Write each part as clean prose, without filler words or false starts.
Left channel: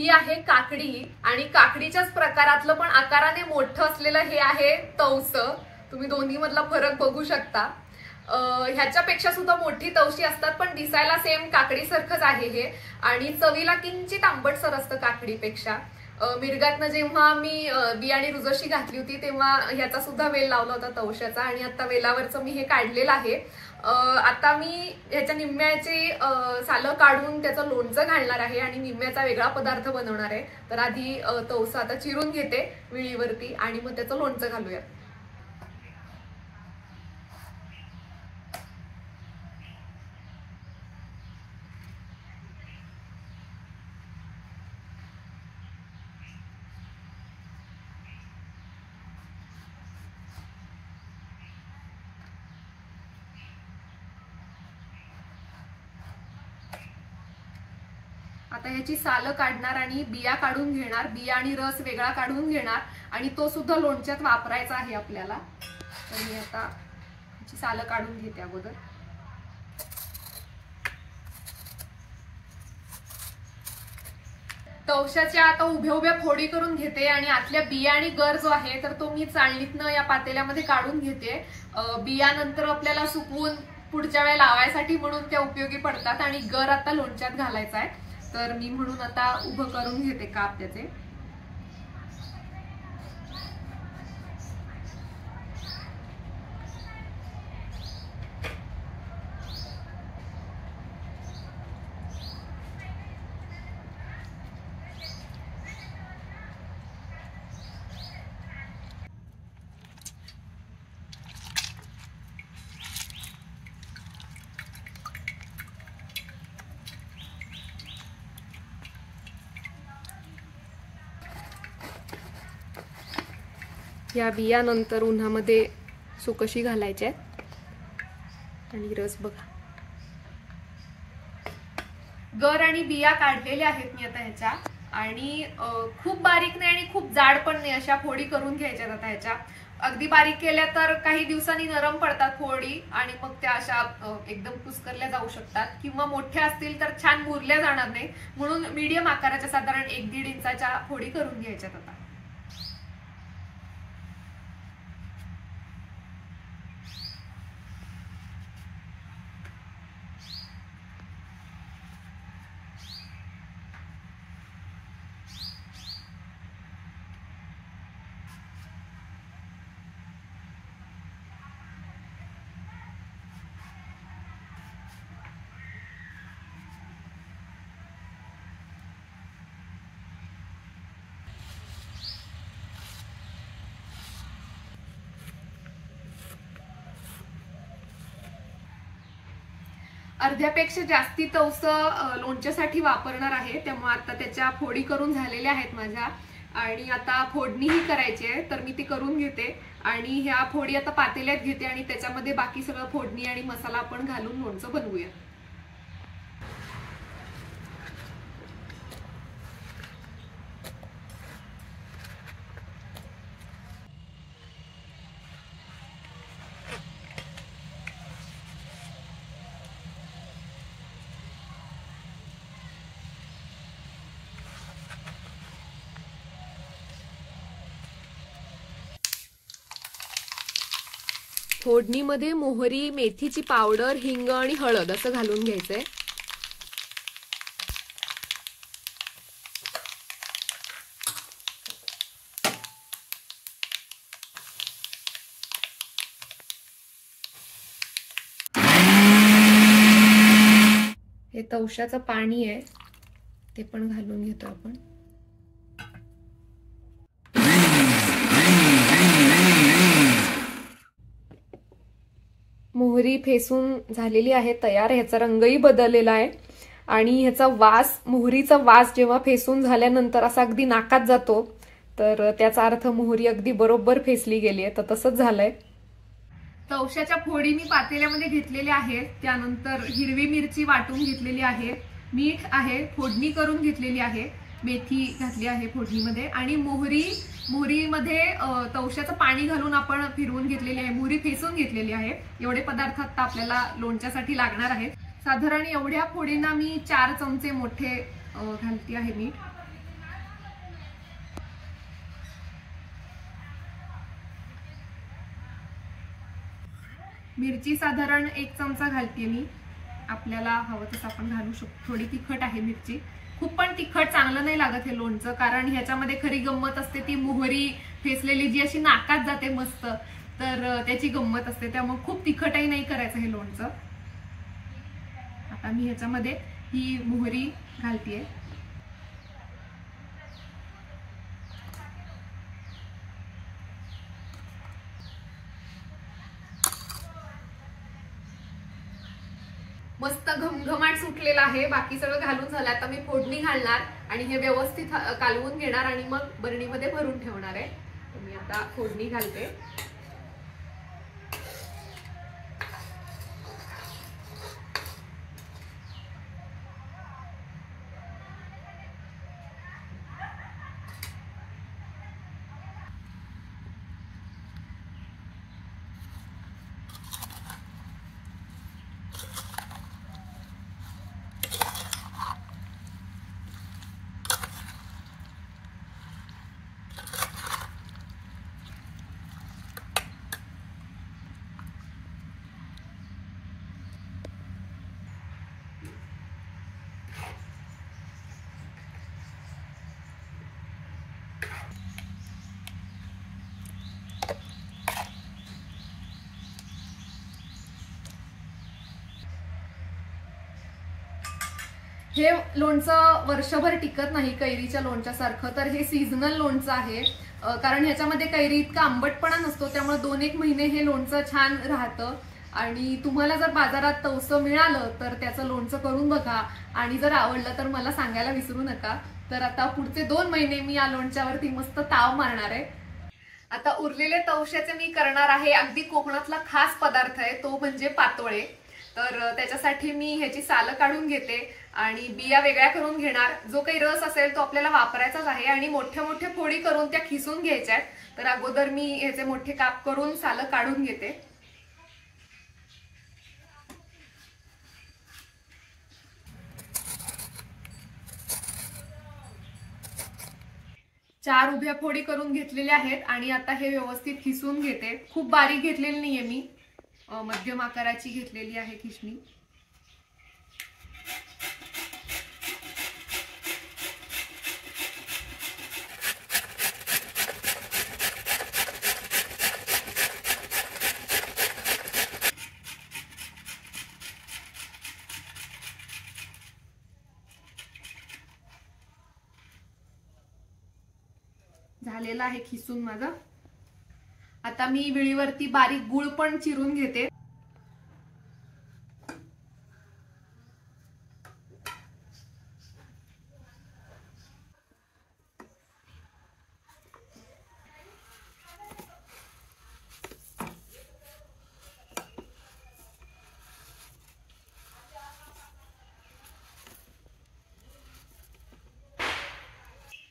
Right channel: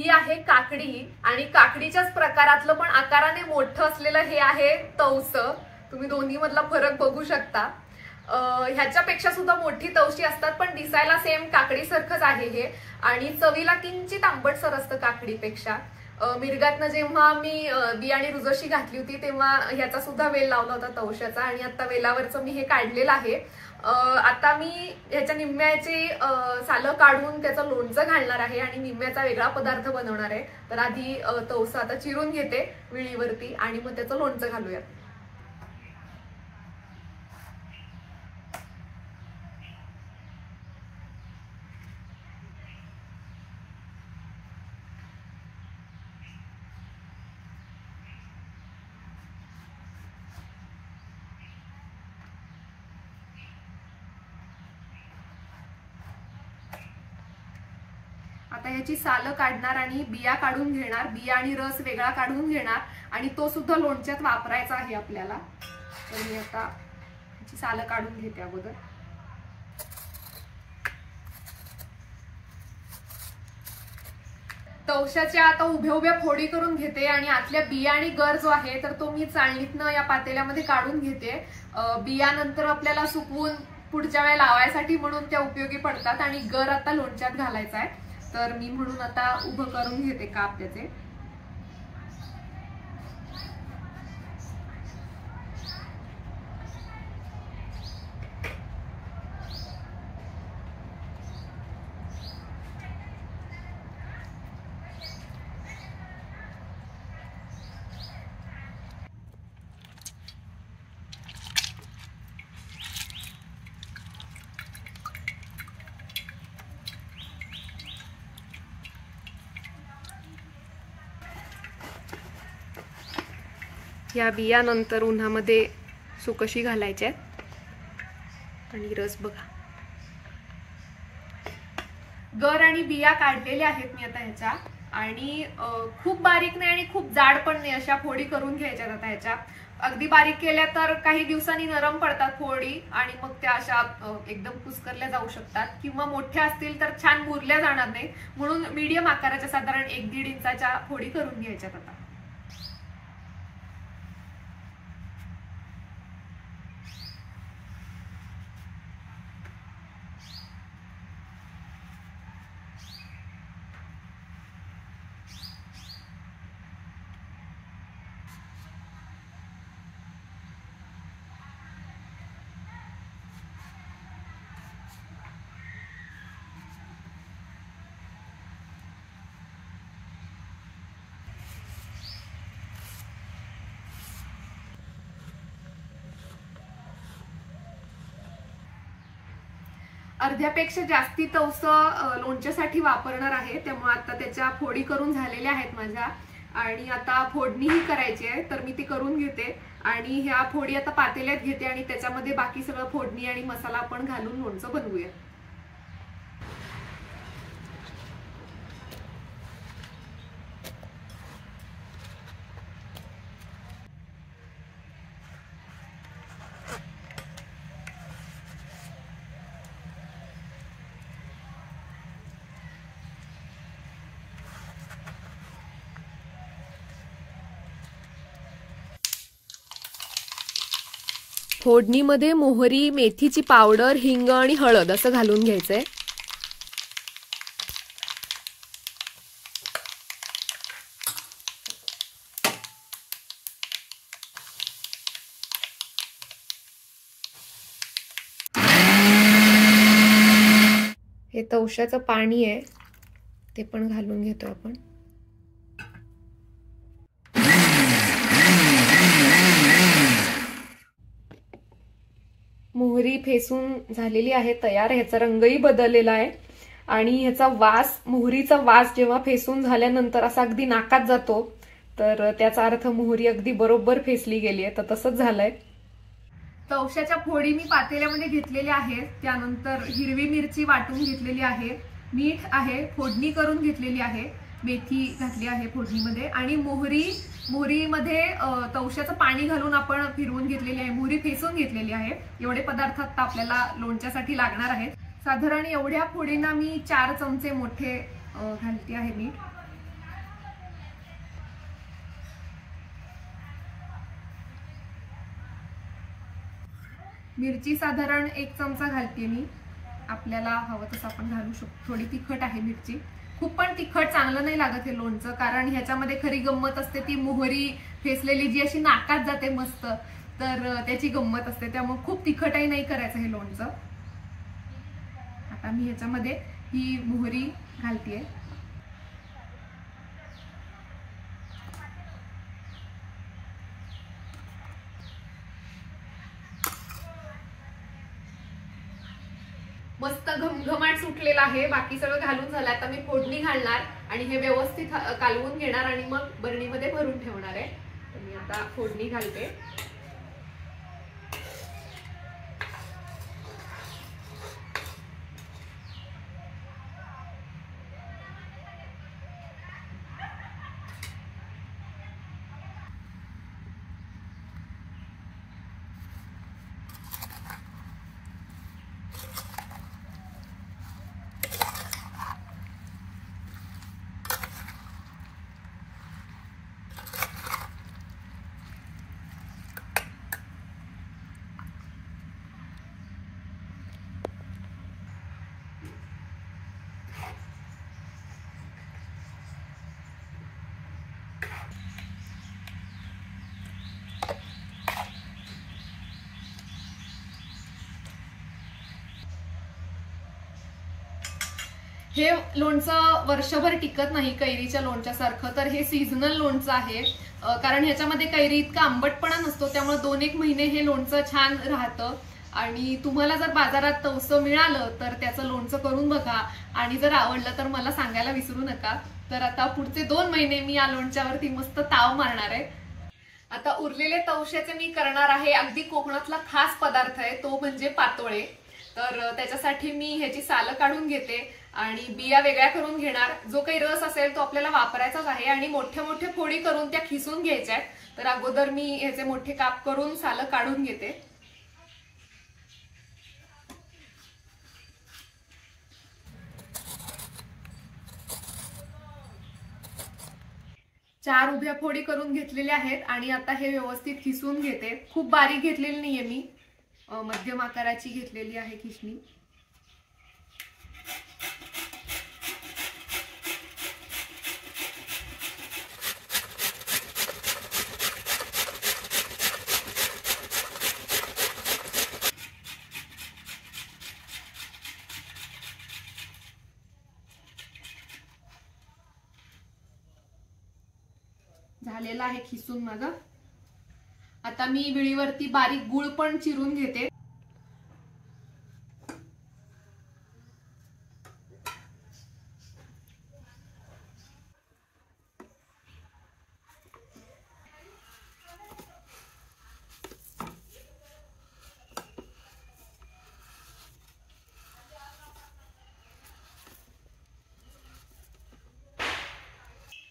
ही आहे काकडी आणि काकडीच्याच प्रकारातलं पण आकाराने मोठं असलेलं हे आहे तवस। तुम्ही दोन्ही मधला फरक बघू शकता। ह्याच्यापेक्षा सुद्धा मोठी तवशी असतात पण दिसायला सेम काकडी सारखंच आहे हे आणि चवीला किंचित आंबटसर असतं काकडीपेक्षा। मिरगातनं जेव्हा मी बियाणी रुजशी घातली होती तेव्हा ह्याचा सुद्धा वेल लावला होता तवशाचा आणि आता वेलावरचं मी हे काढलेलं आहे। आता मी ह्याच्या निम्म्याची सालं काढून त्याचं लोणचं घालणार आहे आणि निम्म्याचा वेगळा पदार्थ बनवणार आहे। तर आधी तवसा आता चिरून घेते विळीवरती आणि मग त्याचं लोणचं घालूया। आता ह्याची सालं काढणार आणि बिया काढून घेणार, बिया आणि रस वेगळा काढून घेणार आणि तो सुद्धा लोणच्यात वापरायचा आहे आपल्याला। तर मी आता ह्याची सालं काढून घेते अगोदर। तवशाच्या आता उभ्या उभ्या फोडी करून घेते आणि आतल्या बिया आणि गर जो आहे तर तो मी चाळणीतनं या पातेल्यामध्ये काढून घेते। बिया नंतर आपल्याला सुकवून पुढच्या वेळेला लावायसाठी म्हणून त्या उपयोगी पडतात आणि गर आता लोणच्यात घालायचा आहे। तर मी म्हणून आता उभं करून घेते काप त्याचे। या बिया नंतर उन्हामध्ये सुकशी घालायच्या आणि रस बघा। गर आणि बिया काढलेल्या आहेत मी आता ह्याच्या आणि खूप बारीक नाही आणि खूप जाड पण नाही अशा फोडी करून घ्यायच्यात। आता ह्याच्या अगदी बारीक केल्या तर काही दिवसांनी नरम पडतात फोडी आणि मग त्या अशा एकदम कुस्करल्या जाऊ शकतात किंवा मोठ्या असतील तर छान मुरल्या जाणार नाही, म्हणून मीडियम आकाराच्या साधारण 1-1.5 इंचाच्या फोडी करून घ्यायच्यात। आता अर्ध्यापेक्षा जास्ती तवस लोणच्यासाठी वापरणार आहे, त्यामुळे आता त्याच्या फोडी करून झालेल्या आहेत माझ्या आणि आता फोडणीही करायची आहे। तर मी ती करून घेते आणि ह्या फोडी आता पातेल्यात घेते आणि त्याच्यामध्ये बाकी सगळं फोडणी आणि मसाला आपण घालून लोणचं बनवूया। फोडणीमध्ये मोहरी, मेथीची पावडर, हिंग आणि हळद असं घालून घ्यायचंय। हे तवशाचं पाणी आहे ते पण घालून घेतो आपण। मोहरी फेसून झालेली आहे तयार, ह्याचा रंगही बदललेला आहे आणि ह्याचा वास, मोहरीचा वास जेव्हा फेसून झाल्यानंतर असा अगदी नाकात जातो तर त्याचा अर्थ मोहरी अगदी बरोबर फेसली गेली आहे। तर तसंच झालंय। तवशाच्या फोडी मी पातेल्यामध्ये घेतलेल्या आहेत, त्यानंतर हिरवी मिरची वाटून घेतलेली आहे, मीठ आहे, फोडणी करून घेतलेली आहे, मेथी घातली आहे फोडणीमध्ये आणि मोहरीमध्ये तवशाचं पाणी घालून आपण फिरवून घेतलेली आहे, मोहरी फेसून घेतलेली आहे। एवढे पदार्थ आता आपल्याला लोणच्यासाठी लागणार आहेत। साधारण एवढ्या फोडींना मी 4 चमचे मोठे घालते आहे मीठ। मिरची साधारण 1 चमचा घालते मी, आपल्याला हवं तसं आपण घालू शकतो. थोडी तिखट आहे मिरची, खूप पण तिखट चांगलं नाही लागत हे लोणचं, कारण ह्याच्यामध्ये खरी गंमत असते ती मोहरी फेसलेली जी अशी नाकात जाते मस्त, तर त्याची गंमत असते. त्यामुळे खूप तिखटही नाही करायचं हे लोणचं. आता मी ह्याच्यामध्ये ही मोहरी घालतेय. मस्त घमघमाट सुटलेला आहे. बाकी सगळं घालून झालं. आता मी फोडणी घालणार आणि हे व्यवस्थित कालवून घेणार आणि मग बरणीमध्ये भरून ठेवणार आहे. तर मी आता फोडणी घालते. हे लोणचं वर्षभर टिकत नाही कैरीच्या लोणच्यासारखं, तर हे सीझनल लोणचं आहे. कारण ह्याच्यामध्ये कैरी इतका आंबटपणा नसतो, त्यामुळे 2-1 महिने हे लोणचं छान राहतं. आणि तुम्हाला जर बाजारात तवसं मिळालं तर त्याचं लोणचं करून बघा आणि जर आवडलं तर मला सांगायला विसरू नका. तर आता पुढचे 2 महिने मी या लोणच्यावरती मस्त ताव मारणार आहे. आता उरलेले तवशाचे मी करणार आहे अगदी कोकणातला खास पदार्थ आहे, तो म्हणजे पातोळे. तर त्याच्यासाठी मी ह्याची सालं काढून घेते आणि बिया वेगळ्या करून घेणार. जो काही रस असेल तो आपल्याला वापरायचाच आहे आणि मोठ्या मोठ्या फोडी करून त्या खिसून घ्यायच्या आहेत. तर अगोदर मी ह्याचे मोठे काप करून सालं काढून घेते. चार उभ्या फोडी करून घेतलेल्या आहेत आणि आता हे व्यवस्थित खिसून घेते. खूप बारीक घेतलेली नाहीये मी, मध्यम आकाराची घेतलेली आहे खिसणी. झालेला आहे खिसून माझा. आता मी विळीवरती बारीक गुळ पण चिरून घेते.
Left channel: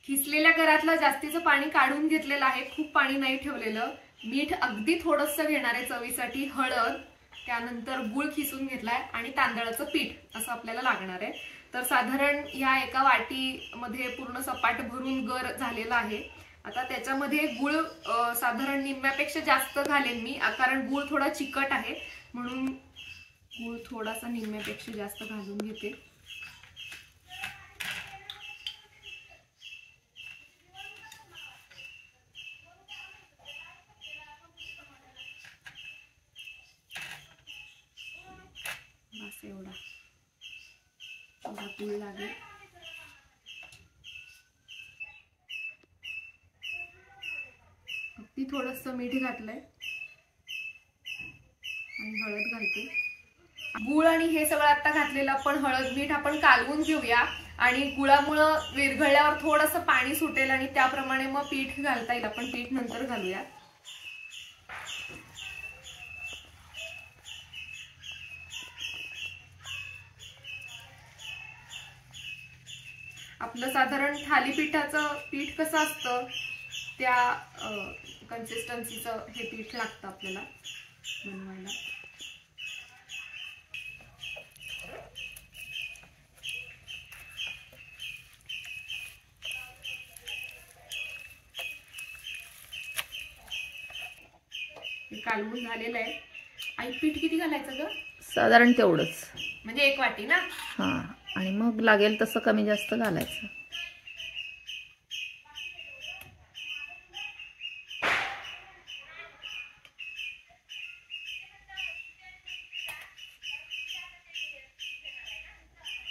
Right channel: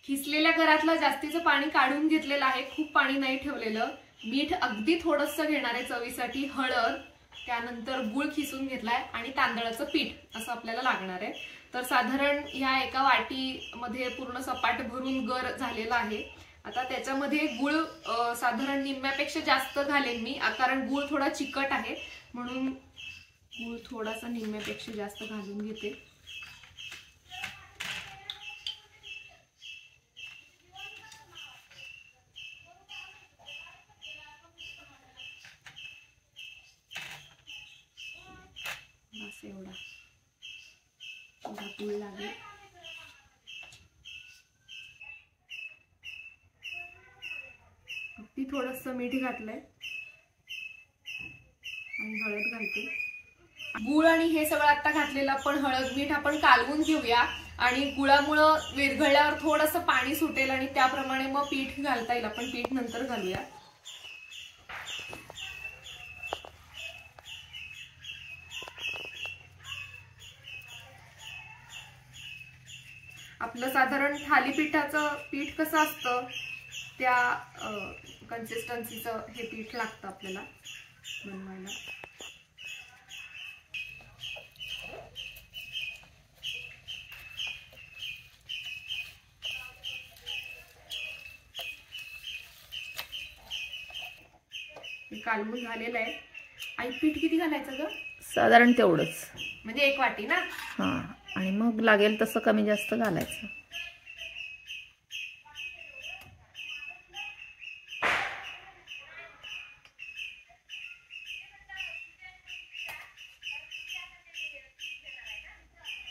खिसलेल्या घरातलं जास्तीचं पाणी काढून घेतलेलं आहे, खूप पाणी नाही ठेवलेलं. मीठ अगदी थोडंसं घेणार आहे चवीसाठी, हळद, त्यानंतर गुळ खिसून घेतलाय आणि तांदळाचं पीठ असं आपल्याला लागणार आहे. तर साधारण या एका वाटीमध्ये पूर्ण सपाट भरून गर झालेला आहे. आता त्याच्यामध्ये गुळ साधारण निम्म्यापेक्षा जास्त घालेन मी, कारण गुळ थोडा चिकट आहे म्हणून गुळ थोडासा निम्म्यापेक्षा जास्त घालून घेते. बस एवढा गुळ लागेल. अगदी थोडंसं मीठ घातलंय आणि हळद घालते. गुळ आणि हे सगळं आता घातलेलं पण हळद मीठ आपण कालवून घेऊया आणि गुळामुळं विरघळल्यावर थोडंसं पाणी सुटेल आणि त्याप्रमाणे मग पीठ घालता येईल. आपण पीठ नंतर घालूया. आपलं साधारण थालीपीठाचं पीठ कसं असतं त्या कन्सिस्टन्सीचं हे पीठ लागतं आपल्याला बनवायला. हे कालवून झालेलं आहे आई पीठ किती घालायचं ग? साधारण तेवढंच, म्हणजे 1 वाटी ना? हा, आणि मग लागेल तसं कमी जास्त घालायचं.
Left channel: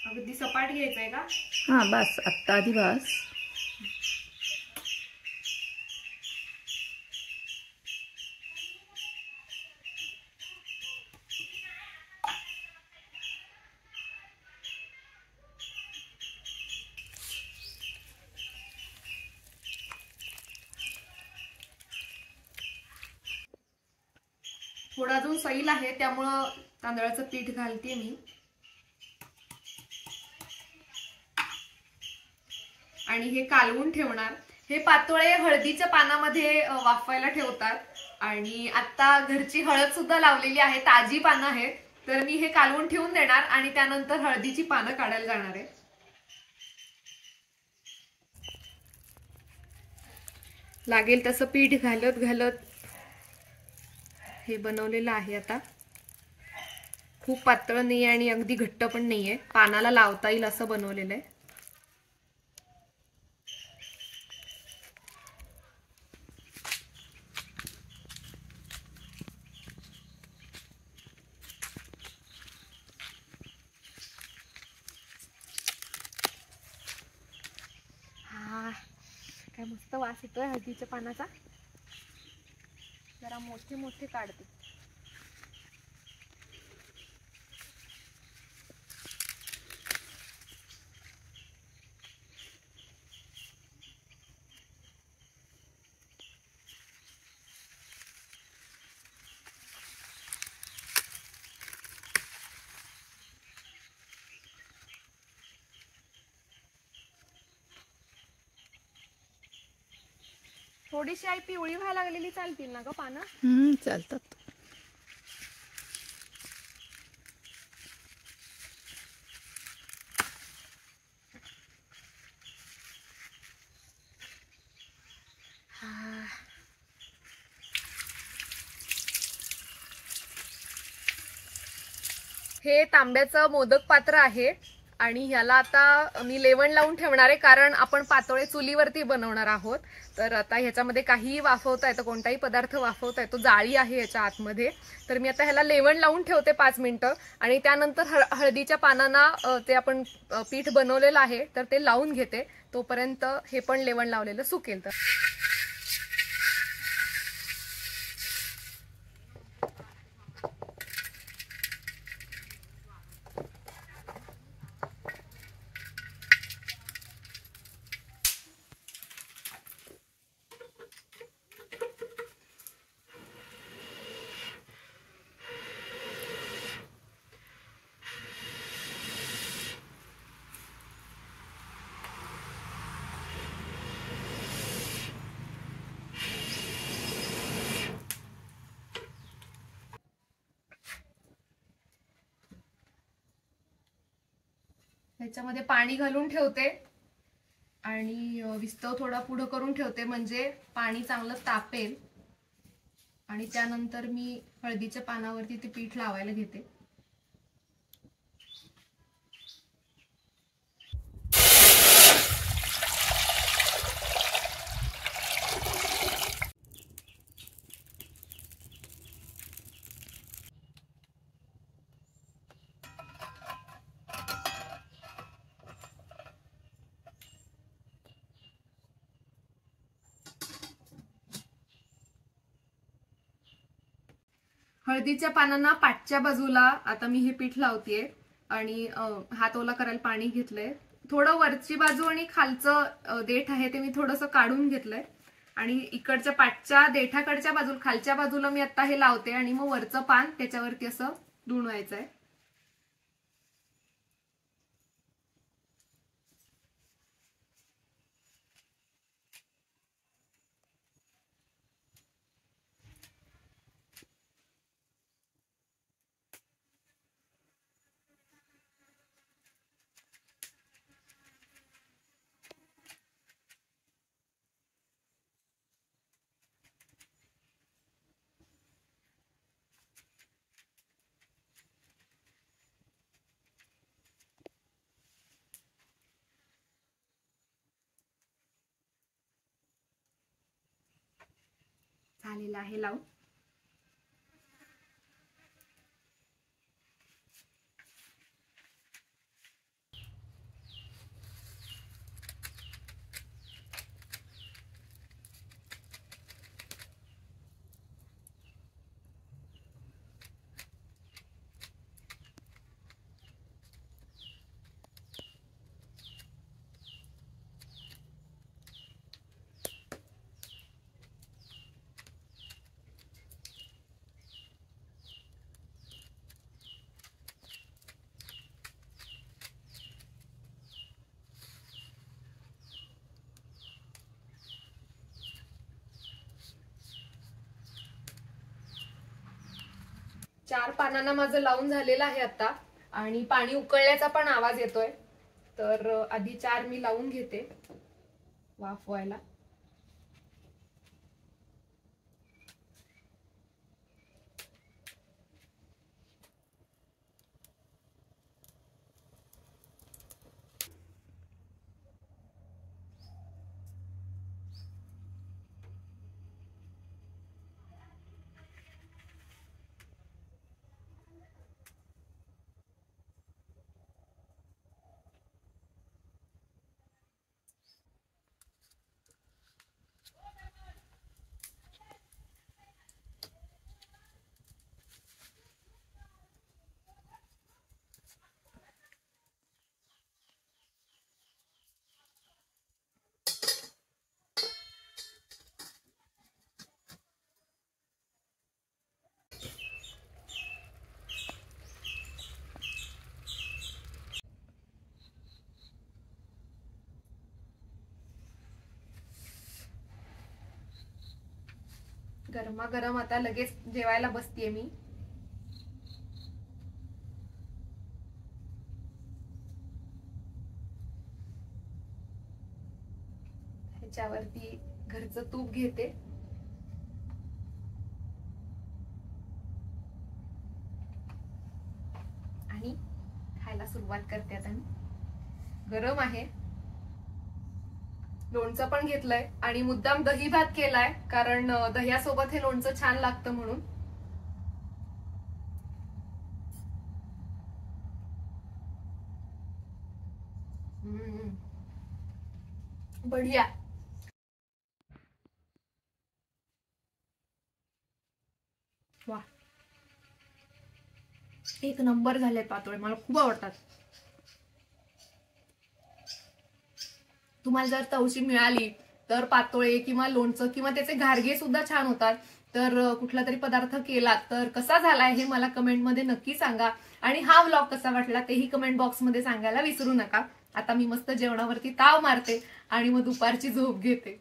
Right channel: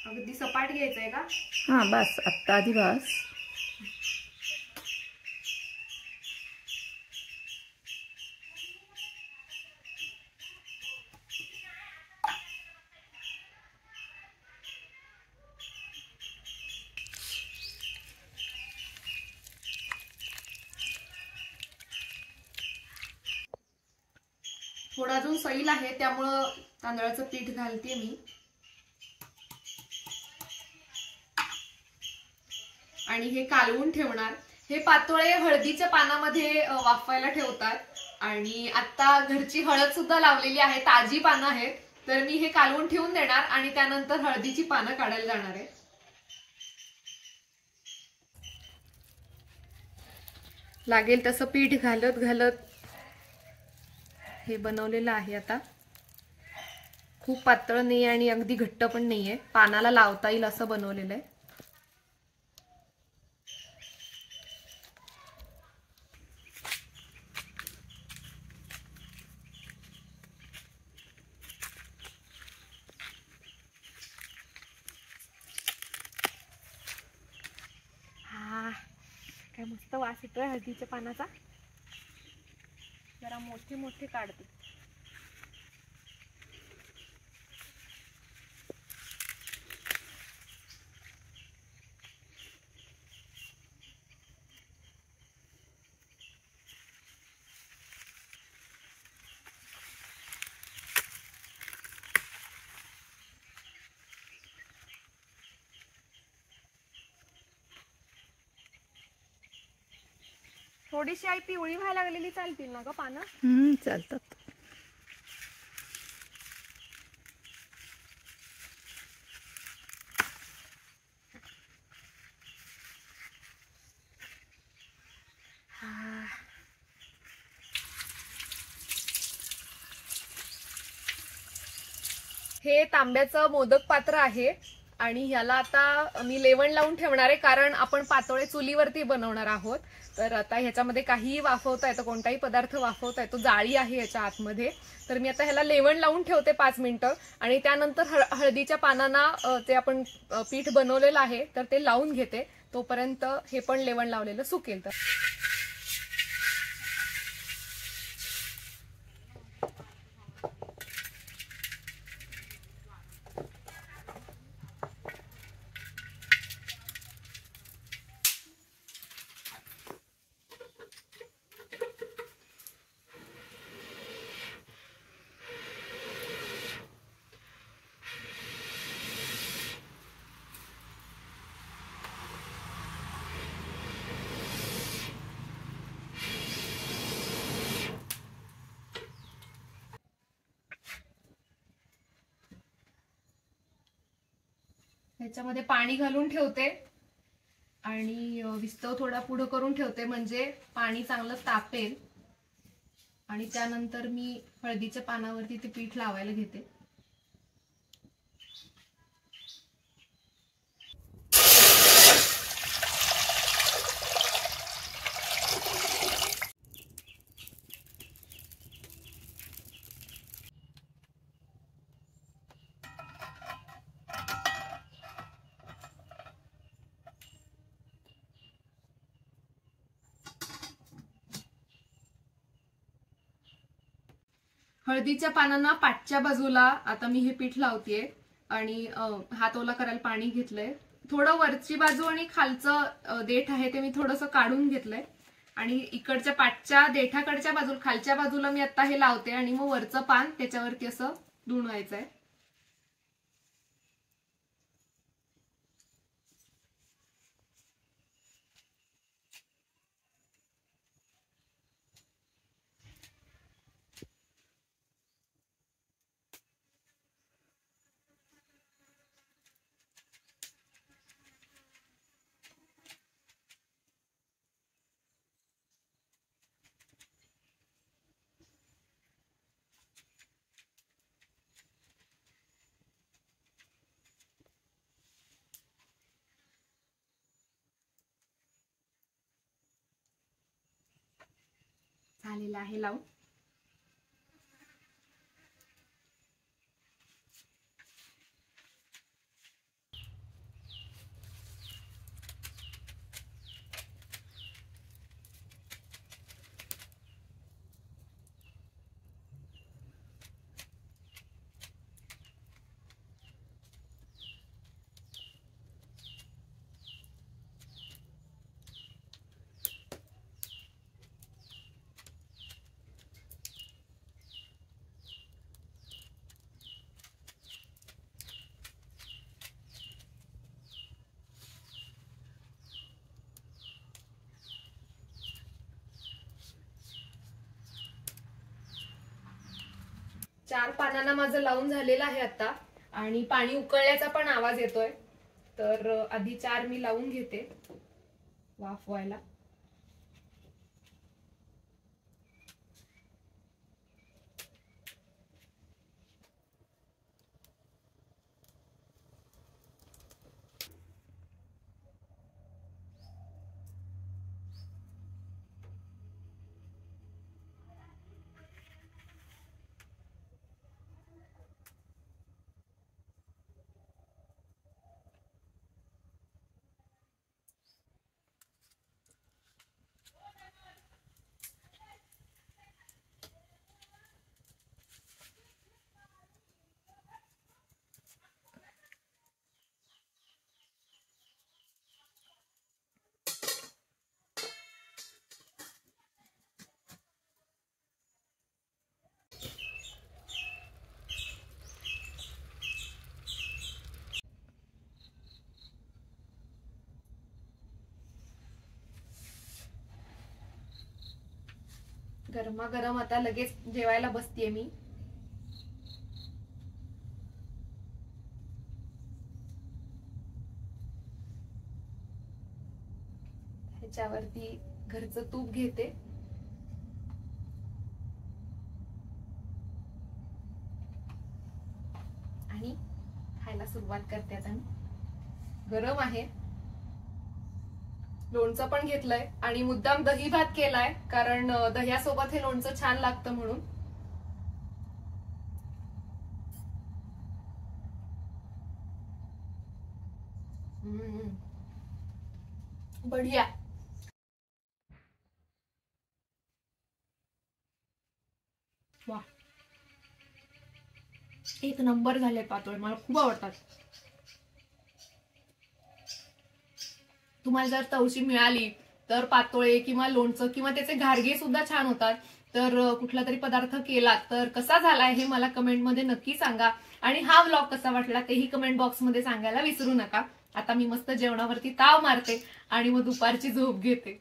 अगदी सपाट घ्यायचंय का? हा बस, आत्ता आधी बस. थोडा अजून सैल आहे त्यामुळं तांदळाचं पीठ घालते मी. आणि हे कालवून ठेवणार. हे पातोळे हळदीच्या पानामध्ये वाफवायला ठेवतात. आणि आता घरची हळद सुद्धा लावलेली आहे, ताजी पानं आहेत. तर मी हे कालवून ठेवून देणार आणि त्यानंतर हळदीची पानं काढायला जाणार आहे. लागेल तसं पीठ घालत घालत हे बनवलेलं आहे. आता खूप पातळ नाही आणि अगदी घट्ट पण नाहीये, पानाला लावता येईल असं बनवलेलं आहे. काय मस्त वास येतोय हळदीच्या पानाचा. जरा मोठे मोठे काढते. थोडीशी आई पिवळी व्हायला लागलेली चालतील ना ग पानं? चालतात. हे तांब्याचं मोदक पात्र आहे आणि ह्याला आता मी लेवण लावून ठेवणार आहे, कारण आपण पातोळे चुलीवरती बनवणार आहोत. तर आता ह्याच्यामध्ये काहीही वाफवता येतं, कोणताही पदार्थ वाफवता येतो, जाळी आहे याच्या आतमध्ये. तर मी आता ह्याला लेवण लावून ठेवते 5 मिनिटं आणि त्यानंतर हळदीच्या पानांना ते आपण पीठ बनवलेलं आहे तर ते लावून घेते. तोपर्यंत हे पण लेवण लावलेलं सुकेल. तर ह्याच्यामध्ये पाणी घालून ठेवते आणि विस्तव थोडा पुढं करून ठेवते, म्हणजे पाणी चांगलं तापेल. आणि त्यानंतर मी हळदीच्या पानावरती ते पीठ लावायला घेते. हळदीच्या पानांना पाठच्या बाजूला आता मी हे पीठ लावतेय आणि हात ओला करायला पाणी घेतलंय. थोडं वरची बाजू आणि खालचं देठ आहे ते मी थोडंसं काढून घेतलंय आणि इकडच्या पाठच्या देठाकडच्या बाजूला खालच्या बाजूला मी आता हे लावते आणि मग वरचं पान त्याच्यावरती असं धुणवायचंय. झालेला आहे लावून. चार पानांना माझं लावून झालेलं आहे आता आणि पाणी उकळल्याचा पण आवाज येतोय. तर आधी 4 मी लावून घेते वाफ व्हायला. गरमागरम आता लगेच जेवायला बसतेय मी. ह्याच्यावरती घरचं तूप घेते आणि खायला सुरुवात करते. आता मी गरम आहे. लोणचं पण घेतलंय आणि मुद्दाम दही भात केलाय कारण दह्यासोबत हे लोणचं छान लागतं म्हणून. बढिया. वा, एक नंबर झाले पातोळे. मला खूप आवडतात. तुम्हाला जर तवशी मिळाली तर पातोळे किंवा लोणचं किंवा त्याचे घारगे सुद्धा छान होतात. तर कुठला तरी पदार्थ केला तर कसा झालाय हे मला कमेंटमध्ये नक्की सांगा. आणि हा व्लॉग कसा वाटला तेही कमेंट बॉक्समध्ये सांगायला विसरू नका. आता मी मस्त जेवणावरती ताव मारते आणि मग दुपारची झोप घेते.